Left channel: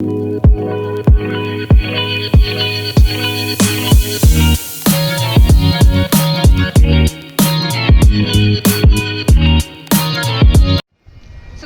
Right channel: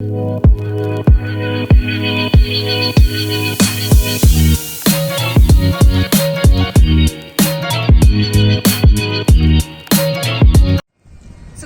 So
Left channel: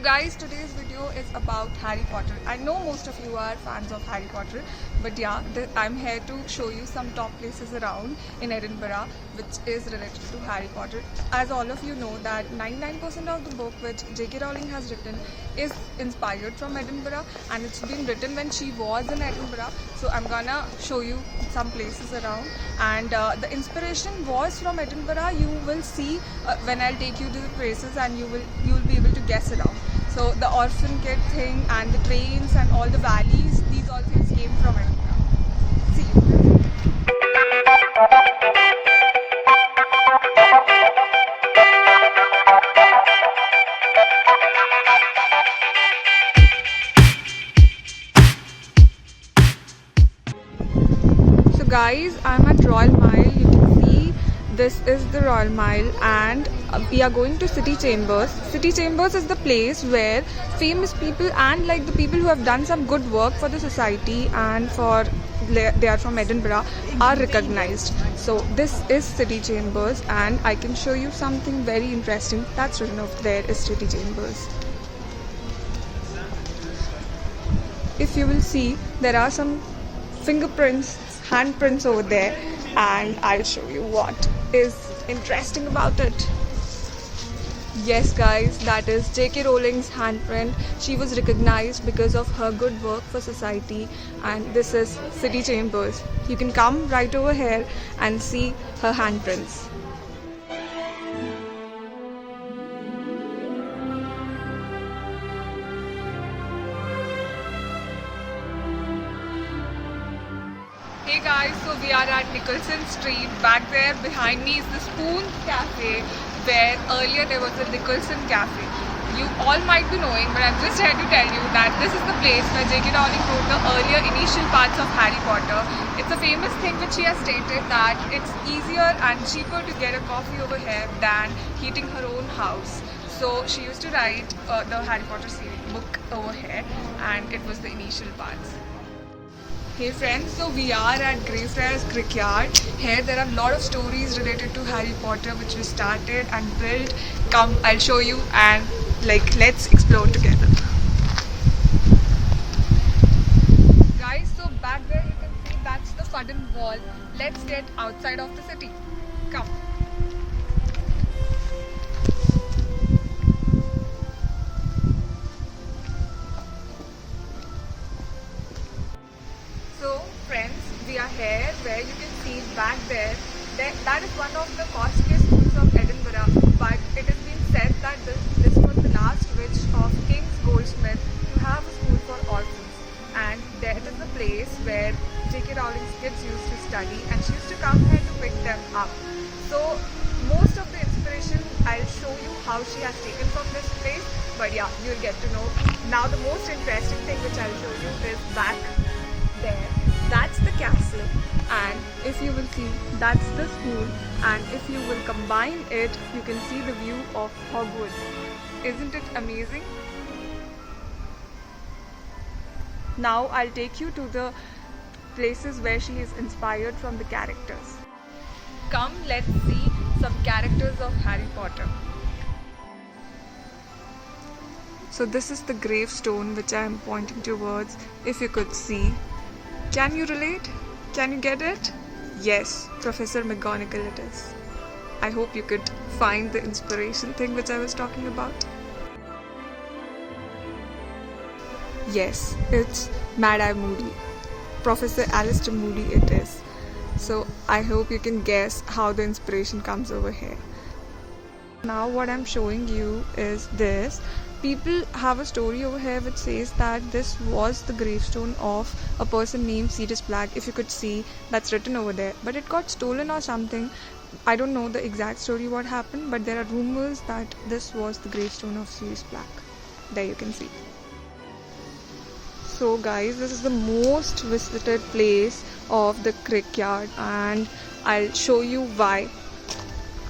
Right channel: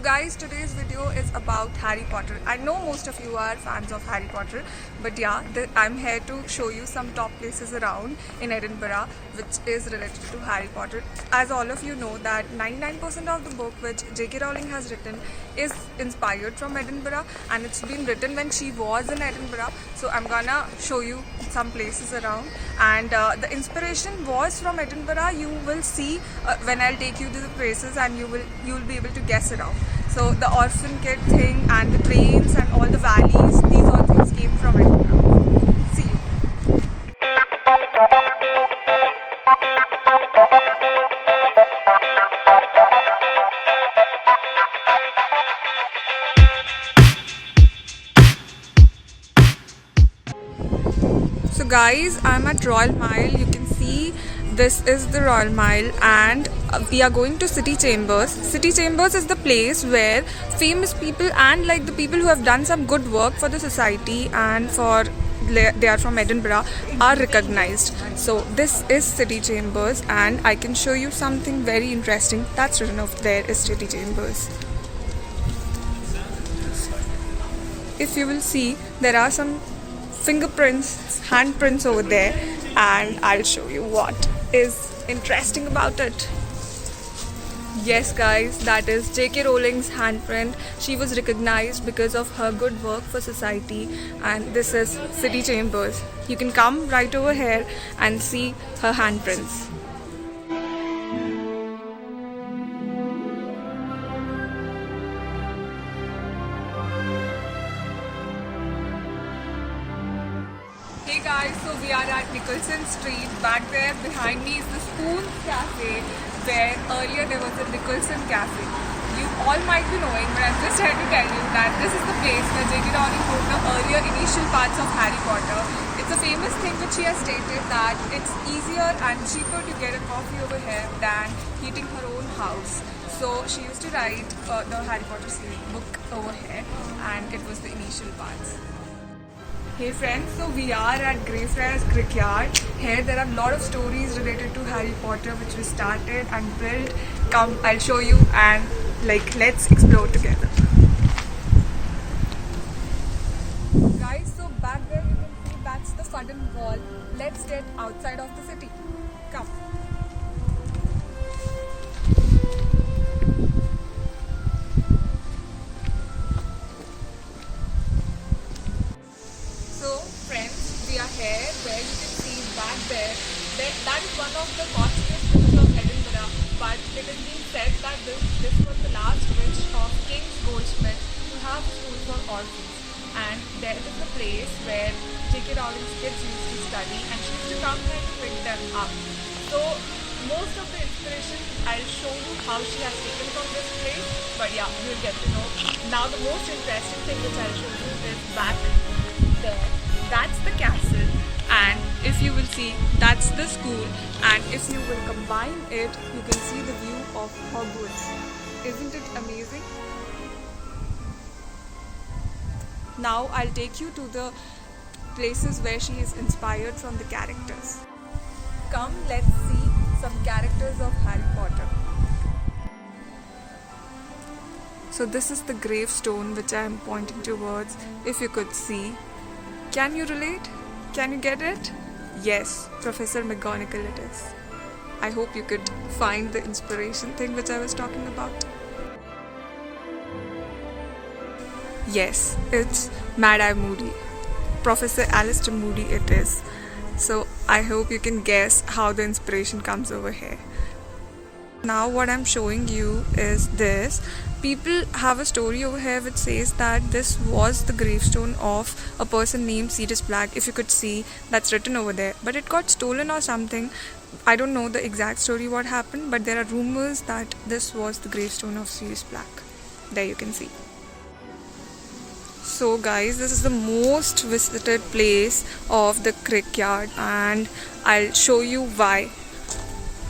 guys, today's video is about Harry Potter. I know most of you are fans of Harry Potter, but yeah, I'm here to show you some top places around in Edinburgh which is related to Harry Potter. As all of you know that 99% of the book which J.K. Rowling has written is inspired from Edinburgh, and it's been written when she was in Edinburgh. So I'm gonna show you some places around, and the inspiration was from Edinburgh. You will see when I'll take you to the places, and you will be able to guess around. So the orphan kid thing and the trains and all the valleys, these all things came from Edinburgh. See you. So guys, I'm at Royal Mile. You can see this is the Royal Mile, and we are going to City Chambers. City Chambers is the place where famous people and like the people who have done some good work for the society and for they are from Edinburgh are recognized. So this is City Chambers, and I can show you something very interesting that's written over there is City Chambers. If you will see, there are some fingerprints, handprints over there, and I'll show you what is interesting about it. Yes guys, that is J.K. Rowling's handprint. She was recognized because of her good work for society, and this is City Chambers. You can come right over here and see her handprints. Hey guys, so we are at Nicholson Street. Back there behind me is the Spoon Cafe, where earlier there was a Nicholson Cafe. You all might be knowing, but I'm just here to tell you that this is the place where J.K. Rowling wrote the earlier initial parts of Harry Potter. It's a famous thing which she has stated that it's easier and cheaper to get a coffee over here than heating her own house. So she used to write the Harry Potter series book over here, and it was the initial parts. Hey friends, so we are at Greyfriars Crickyard. Here there are a lot of stories related to Harry Potter which we started and built. Come, I'll show you, and let's explore together. Guys, so back there you can see that's the Fudden Wall. Let's get outside of the city. Come. So friends, we are here where you can see back there, that is one of the costliest schools of Edinburgh, but it has been said that this was the last wish of King's Goldsmith to have a school for orphans, and that is the place where J.K. Rowling's kids used to study, and she used to come here to pick them up. So most of the inspiration I'll show you how she has taken from this place, but yeah, you'll get to know. Now the most interesting thing which I'll show you is back there. That's the castle, and if you will see, that's the school, and if you will combine it, you can see the view of Hogwarts. Isn't it amazing? Now I'll take you to the places where she is inspired from the characters. Come, let's see some characters of Harry Potter. So this is the gravestone which I am pointing towards. If you could see, can you relate? Can you get it? Yes, Professor McGonagall it is. I hope you could find the inspiration thing which I was talking about. Yes, it's Mad-Eye Moody. Professor Alistair Moody it is. So I hope you can guess how the inspiration comes over here. Now what I'm showing you is this. People have a story over here which says that this was the gravestone of a person named Sirius Black. If you could see, that's written over there, but it got stolen or something. I don't know the exact story what happened, but there are rumors that this was the gravestone of Sirius Black. There you can see. So guys, this is the most visited place of the Crickyard, and I'll show you why.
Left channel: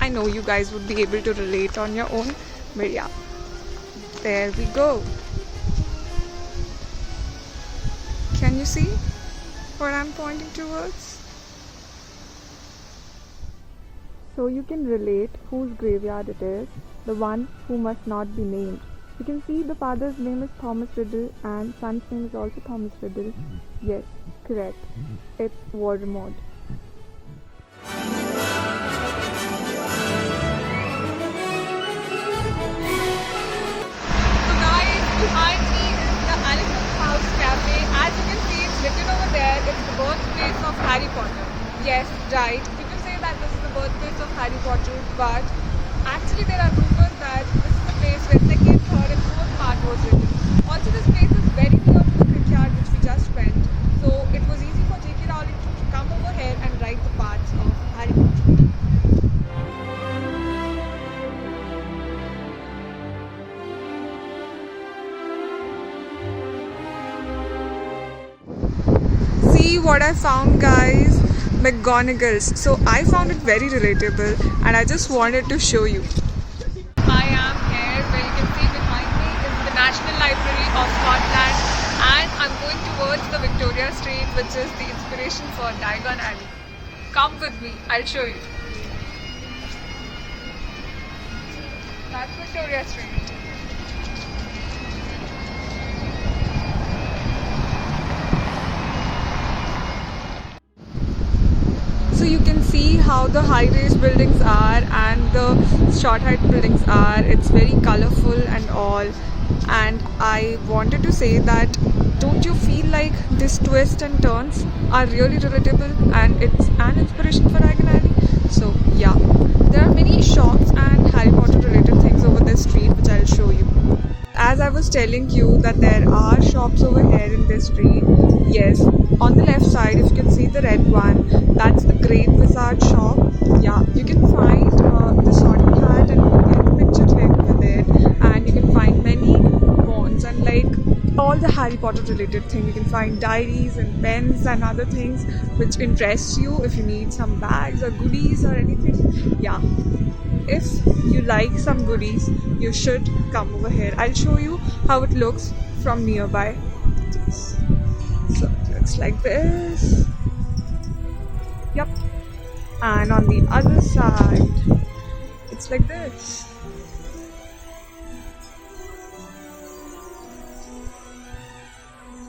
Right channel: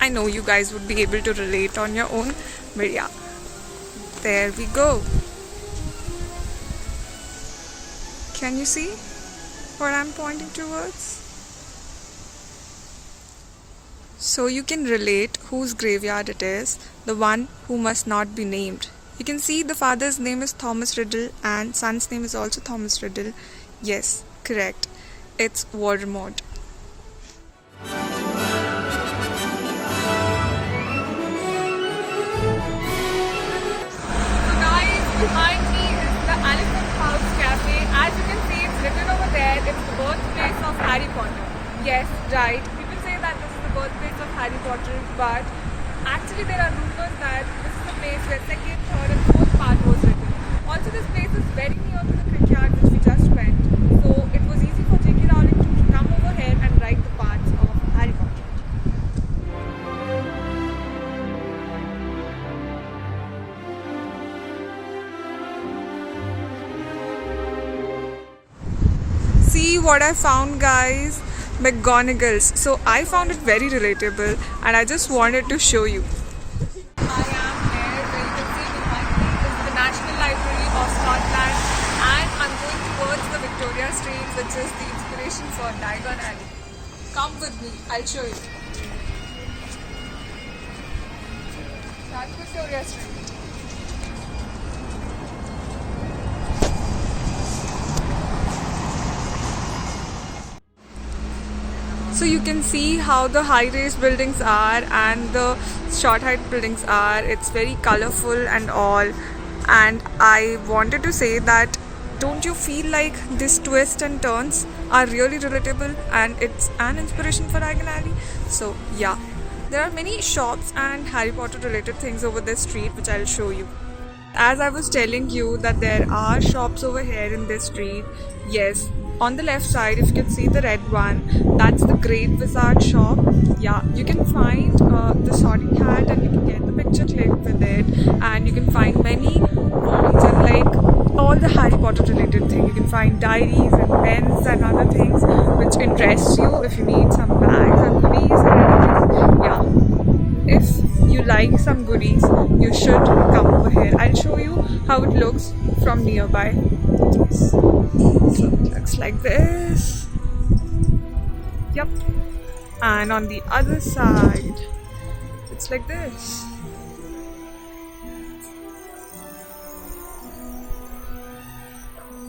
I know you guys would be able to relate on your own, but yeah, there we go. Can you see what I'm pointing towards? So you can relate whose graveyard it is, the one who must not be named. You can see the father's name is Thomas Riddle and son's name is also Thomas Riddle. Yes, correct. It's Voldemort. So guys, behind me is the Elephant House Cafe. As you can see, it's written over there. It's the birthplace of Harry Potter. Yes, right. People say that this is the birthplace of Harry Potter, but actually there are rumors that this is the place where second, third and fourth part was written. Also, this place is very near to the Crickyard which we just went. So it was easy for J.K. Rowling to come over here and write the parts of Harry Potter. See what I found, guys. McGonagall's. So I found it very relatable and I just wanted to show you. I am here where you can see behind me is the National Library of Scotland and I'm going towards the Victoria Street, which is the inspiration for Diagon Alley. Come with me, I'll show you. That's Victoria Street. So you can see how the high-rise buildings are and the short-height buildings are. It's very colorful and all. And I wanted to say that don't you feel like these twists and turns are really relatable and it's an inspiration for Diagon Alley? So yeah, there are many shops and Harry Potter related things over this street which I'll show you. As I was telling you that there are shops over here in this street. Yes, on the left side if you can see the red one, that's the Great Wizard shop. Yeah, you can find the Sorting Hat and you can get the picture clicked with it, and you can find many wands and like all the Harry Potter related things. You can find diaries and pens and other things which interest you if you need some bags or goodies or anything. Yeah, if you like some goodies, you should come over here. I'll show you how it looks from nearby. So it looks like this. Yep. And on the other side, it's like this.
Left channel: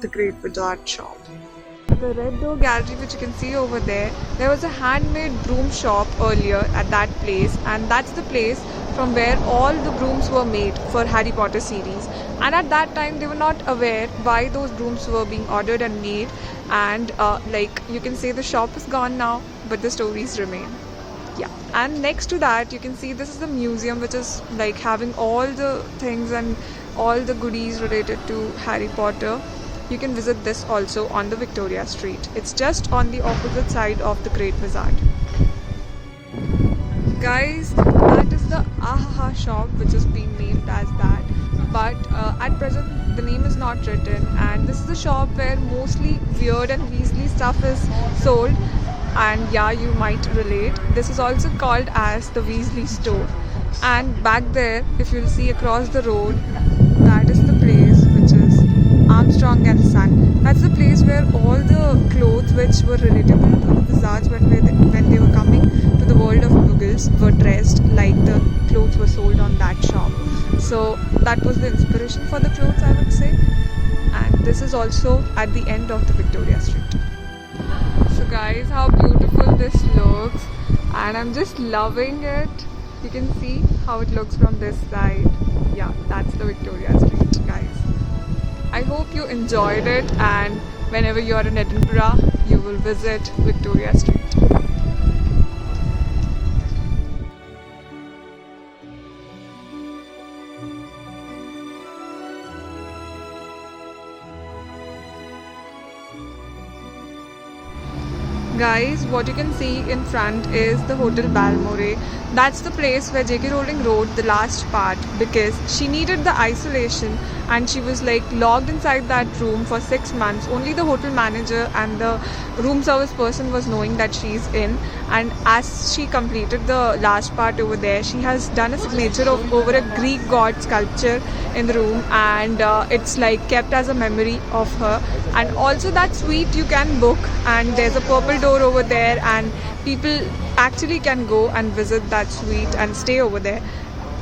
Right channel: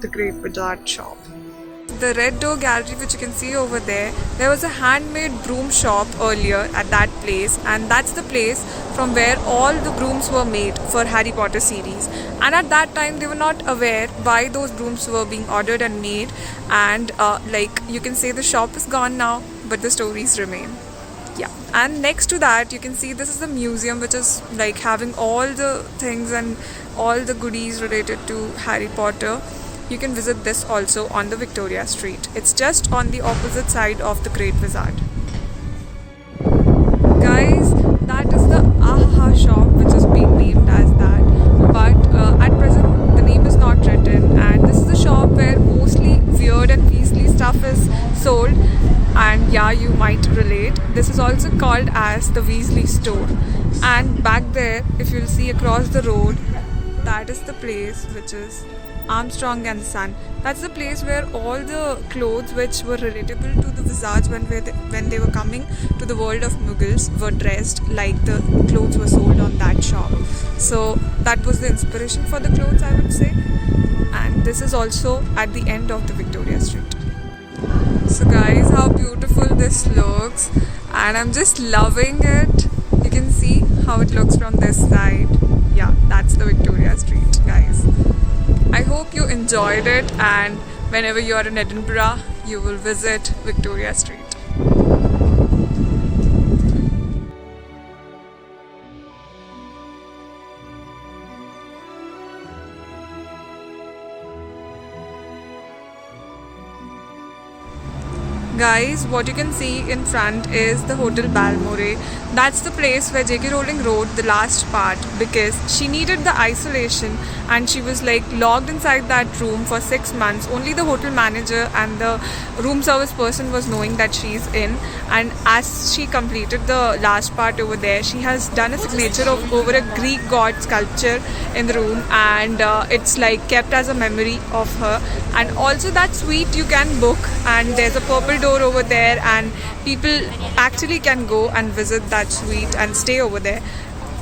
The Great Wizard shop. The Red Door Gallery which you can see over there was a handmade broom shop earlier at that place, and that's the place from where all the brooms were made for Harry Potter series. And at that time they were not aware why those brooms were being ordered and made, and like you can say the shop is gone now but the stories remain. Yeah, and next to that you can see this is the museum which is like having all the things and all the goodies related to Harry Potter. You can visit this also on the Victoria Street. It's just on the opposite side of the Great Wizard. Guys, that is the Ahaha shop which is being named as that, but at present the name is not written, and this is the shop where mostly weird and Weasley stuff is sold. And yeah, you might relate. This is also called as the Weasley store. And back there, if you'll see across the road, that is the place which is Armstrong and Son. That's the place where all the clothes which were relatable to the wizards when they were coming to the world of Muggles were dressed like the clothes were sold on that shop. So that was the inspiration for the clothes, I would say. And this is also at the end of the Victoria Street. So guys, how beautiful this looks, and I'm just loving it. You can see how it looks from this side. Yeah, that's the Victoria Street, guys. I hope you enjoyed it, and whenever you are in Edinburgh, you will visit Victoria Street. Guys, what you can see in front is the Hotel Balmoral. That's the place where J.K. Rowling wrote the last part because she needed the isolation and she was like locked inside that room for 6 months. Only the hotel manager and the room service person was knowing that she's in. And as she completed the last part over there, she has done a signature of over a Greek god sculpture in the room, and it's like kept as a memory of her. And also that suite you can book, and there's a purple door over there, and people actually can go and visit that suite and stay over there.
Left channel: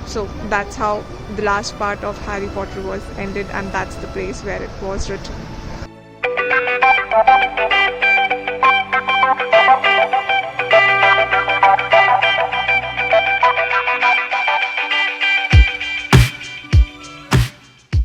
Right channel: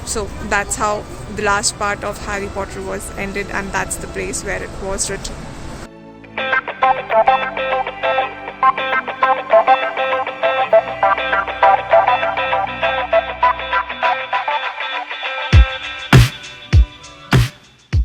So that's how the last part of Harry Potter was ended, and that's the place where it was written.